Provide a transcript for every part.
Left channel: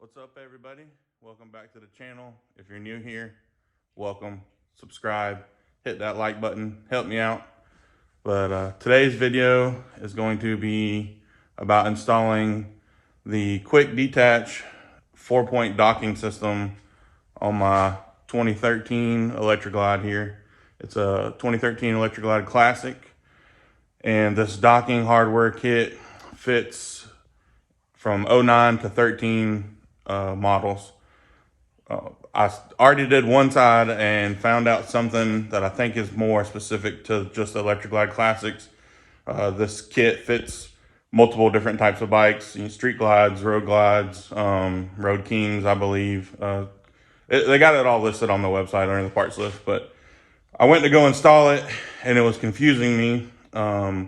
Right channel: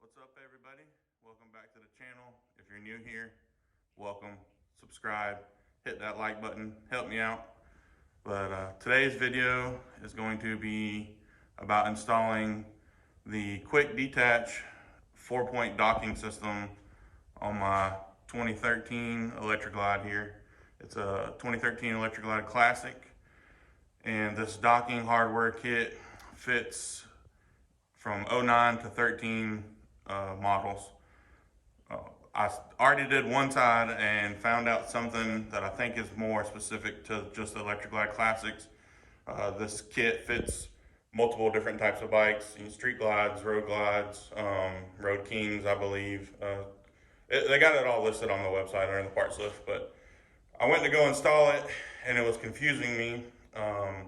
What's up, everybody? Welcome back to the channel. If you're new here, welcome. Subscribe, hit that like button, help me out. But today's video is going to be about installing the quick detach 4-point docking system on my 2013 Electra Glide here. It's a 2013 Electra Glide Classic, and this docking hardware kit fits from 09 to 13 models. I already did one side and found out something that I think is more specific to just Electra Glide Classics. This kit fits multiple different types of bikes, street glides, road kings, I believe. They got it all listed on the website under the parts list, but I went to go install it and it was confusing me. I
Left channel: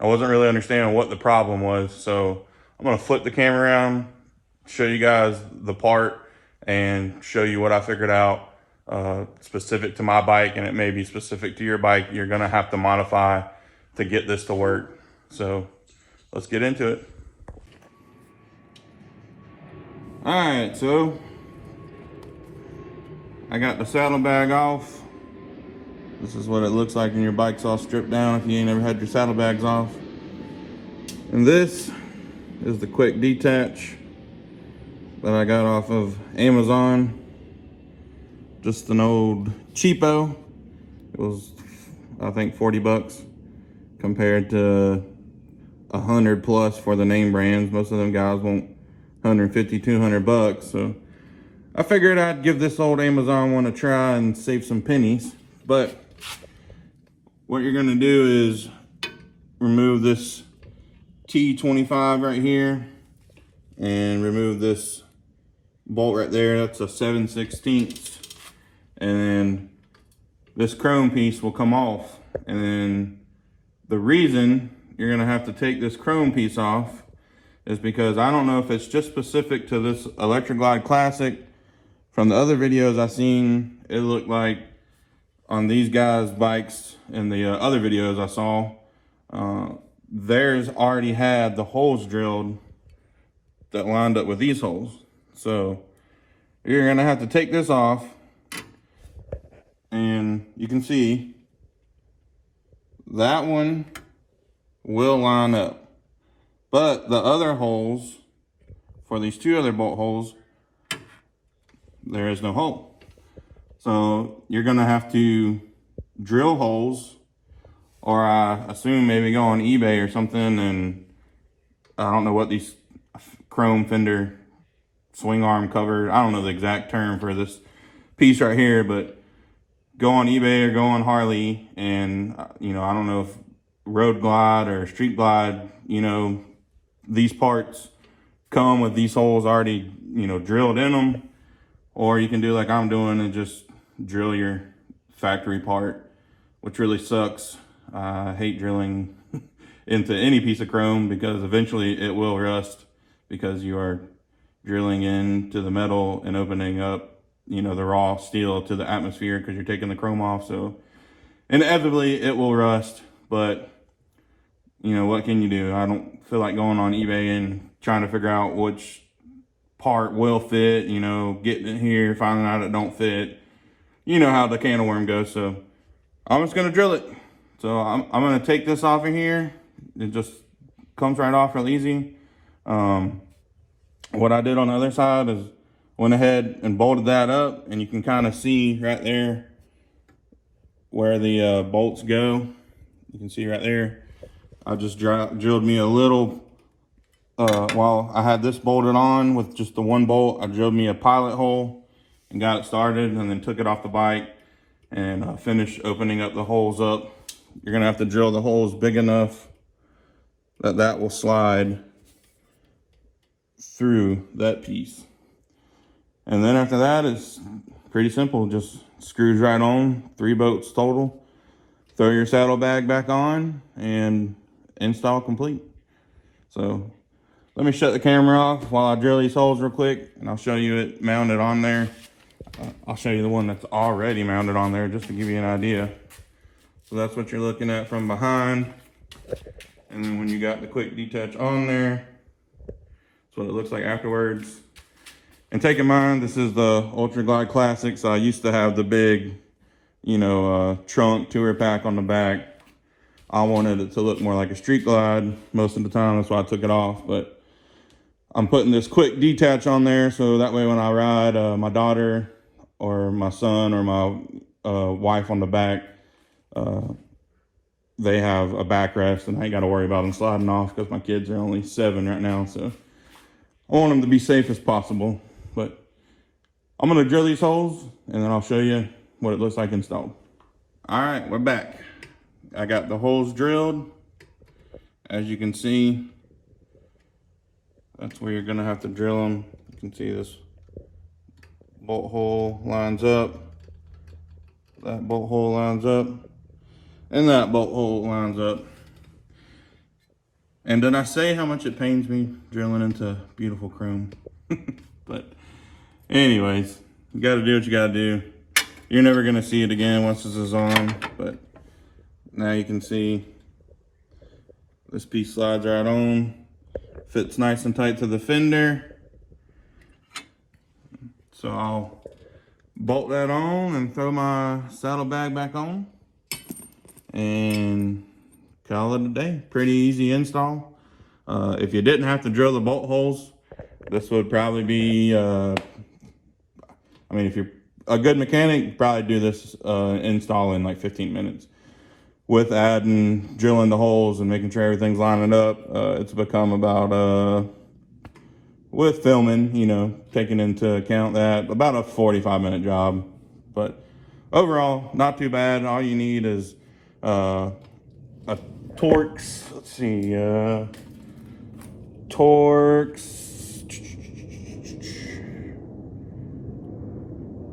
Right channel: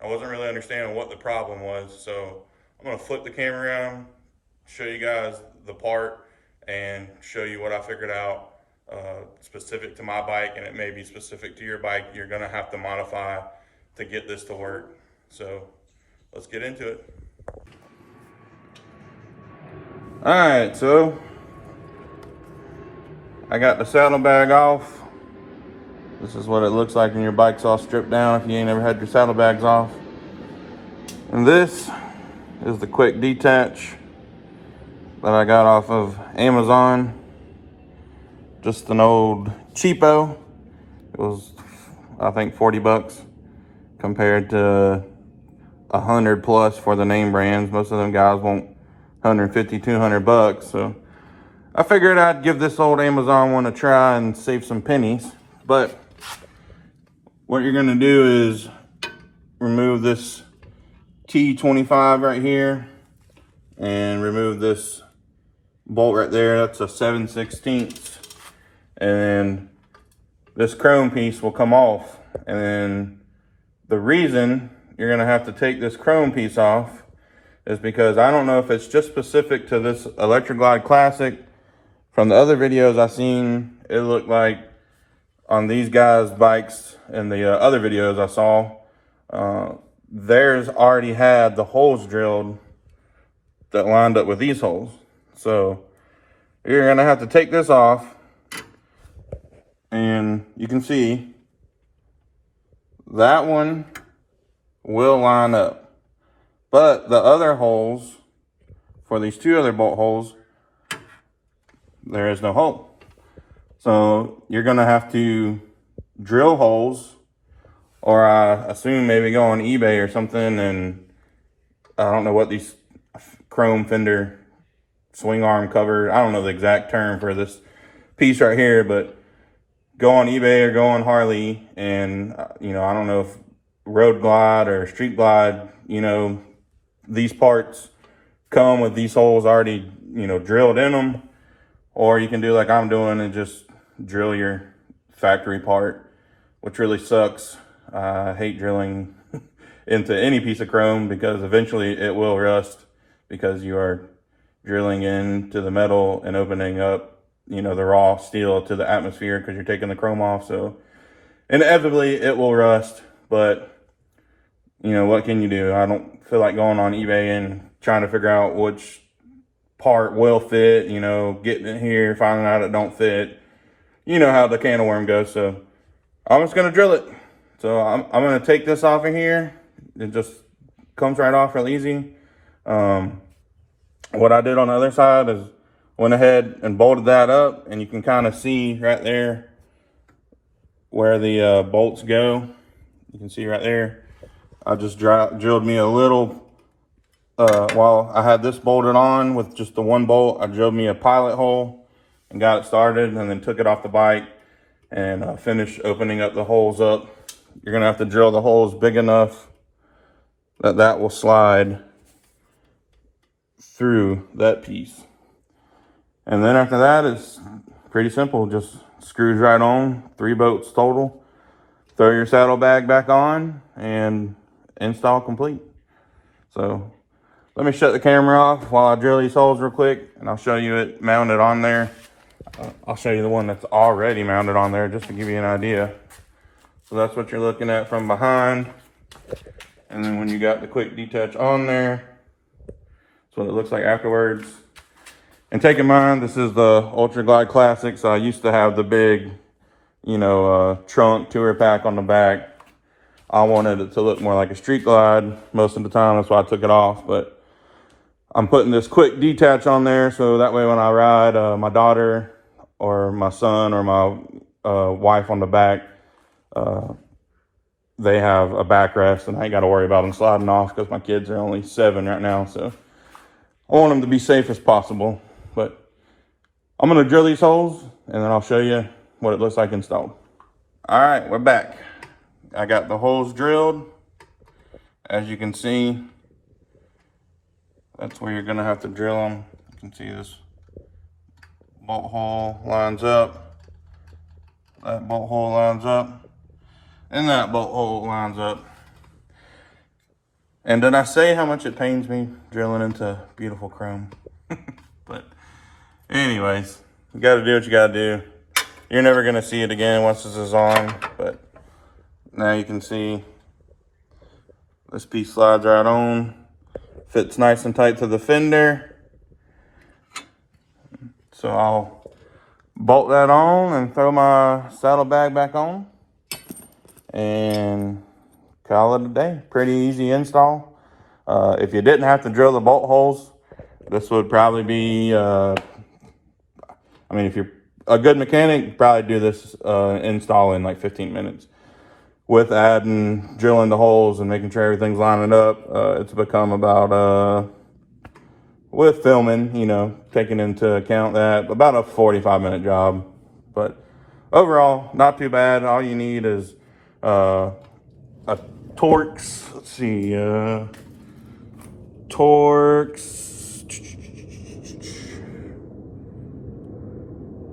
wasn't really understanding what the problem was, so I'm gonna flip the camera around, show you guys the part, and show you what I figured out specific to my bike, and it may be specific to your bike. You're gonna have to modify to get this to work. So let's get into it. All right, so I got the saddlebag off. This is what it looks like when your bike's all stripped down if you ain't ever had your saddlebags off. And this is the quick detach that I got off of Amazon. Just an old cheapo. It was, I think, 40 bucks compared to 100 plus for the name brands. Most of them guys want 150, 200 bucks. So I figured I'd give this old Amazon one a try and save some pennies. But what you're gonna do is remove this T25 right here and remove this bolt right there. That's a 7/16. And then this chrome piece will come off. And then the reason you're gonna have to take this chrome piece off is because I don't know if it's just specific to this Electra Glide Classic. From the other videos I seen, it looked like on these guys' bikes and the other videos I saw, theirs already had the holes drilled that lined up with these holes. So you're gonna have to take this off, and you can see that one will line up, but the other holes for these two other bolt holes, there is no hole. So you're gonna have to drill holes, or I assume maybe go on eBay or something, and I don't know what these chrome fender swing arm cover, I don't know the exact term for this piece right here, but go on eBay or go on Harley, and I don't know if Road Glide or Street Glide, these parts come with these holes already, drilled in them, or you can do like I'm doing and just drill your factory part, which really sucks. I hate drilling into any piece of chrome because eventually it will rust because you are drilling into the metal and opening up, the raw steel to the atmosphere because you're taking the chrome off. So inevitably it will rust, but what can you do? I don't feel like going on eBay and trying to figure out which part will fit, getting it here, finding out it don't fit. You know how the can of worm goes. So I'm just gonna drill it. So I'm gonna take this off of here. It just comes right off real easy. What I did on the other side is went ahead and bolted that up, and you can kind of see right there where the bolts go. You can see right there. I just drilled me a little, while I had this bolted on with just the one bolt, I drilled me a pilot hole and got it started, and then took it off the bike and finished opening up the holes up. You're gonna have to drill the holes big enough that that will slide through that piece. And then after that, it's pretty simple. Just screws right on, 3 bolts total. Throw your saddlebag back on and install complete. So let me shut the camera off while I drill these holes real quick, and I'll show you it mounted on there. I'll show you the one that's already mounted on there just to give you an idea. So that's what you're looking at from behind. And then when you got the quick detach on there, that's what it looks like afterwards. And take in mind, this is the Ultra Glide Classic, so I used to have the big, you know, trunk tour pack on the back. I wanted it to look more like a street glide most of the time, that's why I took it off. But I'm putting this quick detach on there, so that way when I ride my daughter or my son or my wife on the back, they have a backrest, and I ain't got to worry about them sliding off because my kids are only 7 right now. So I want them to be safe as possible. But I'm going to drill these holes, and then I'll show you what it looks like installed. All right, we're back. I got the holes drilled. As you can see, that's where you're going to have to drill them. You can see this bolt hole lines up. That bolt hole lines up. And that bolt hole lines up. And did I say how much it pains me drilling into beautiful chrome? But anyways, you gotta do what you gotta do. You're never gonna see it again once this is on, but now you can see this piece slides right on. Fits nice and tight to the fender. So I'll bolt that on and throw my saddlebag back on. And call it a day. Pretty easy install. If you didn't have to drill the bolt holes, this would probably be, I mean, if you're a good mechanic, you probably do this install in like 15 minutes. With adding, drilling the holes and making sure everything's lining up, it's become about, with filming, you know, taking into account that, about a 45-minute job. But overall, not too bad. All you need is a Torx, let's see, Torx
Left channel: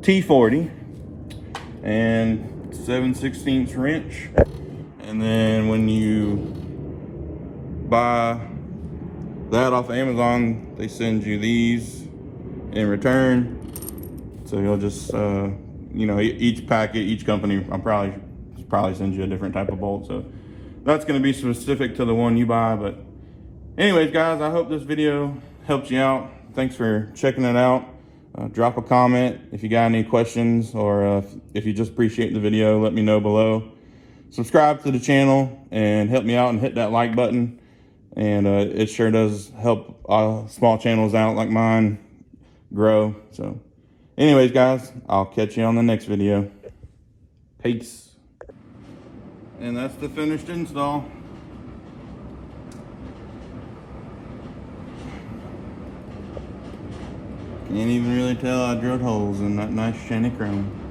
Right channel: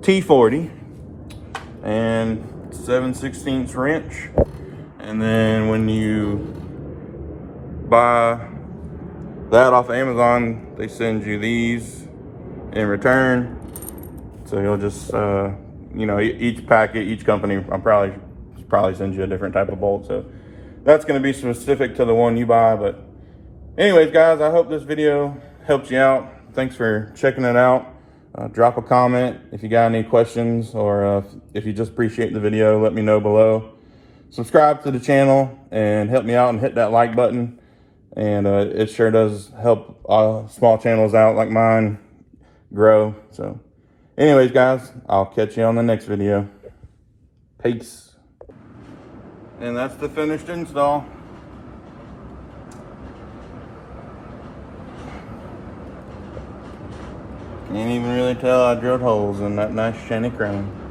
T40 and 7/16 wrench. And then when you buy that off Amazon, they send you these in return. So you'll just, you know, each packet, each company, probably sends you a different type of bolt. So that's going to be specific to the one you buy. But anyways, guys, I hope this video helps you out. Thanks for checking it out. Drop a comment if you got any questions, or if you just appreciate the video, let me know below. Subscribe to the channel and help me out and hit that like button. And it sure does help small channels out like mine grow. So anyways, guys, I'll catch you on the next video. Peace. And that's the finished install. Can't even really tell I drilled holes in that nice shiny chrome.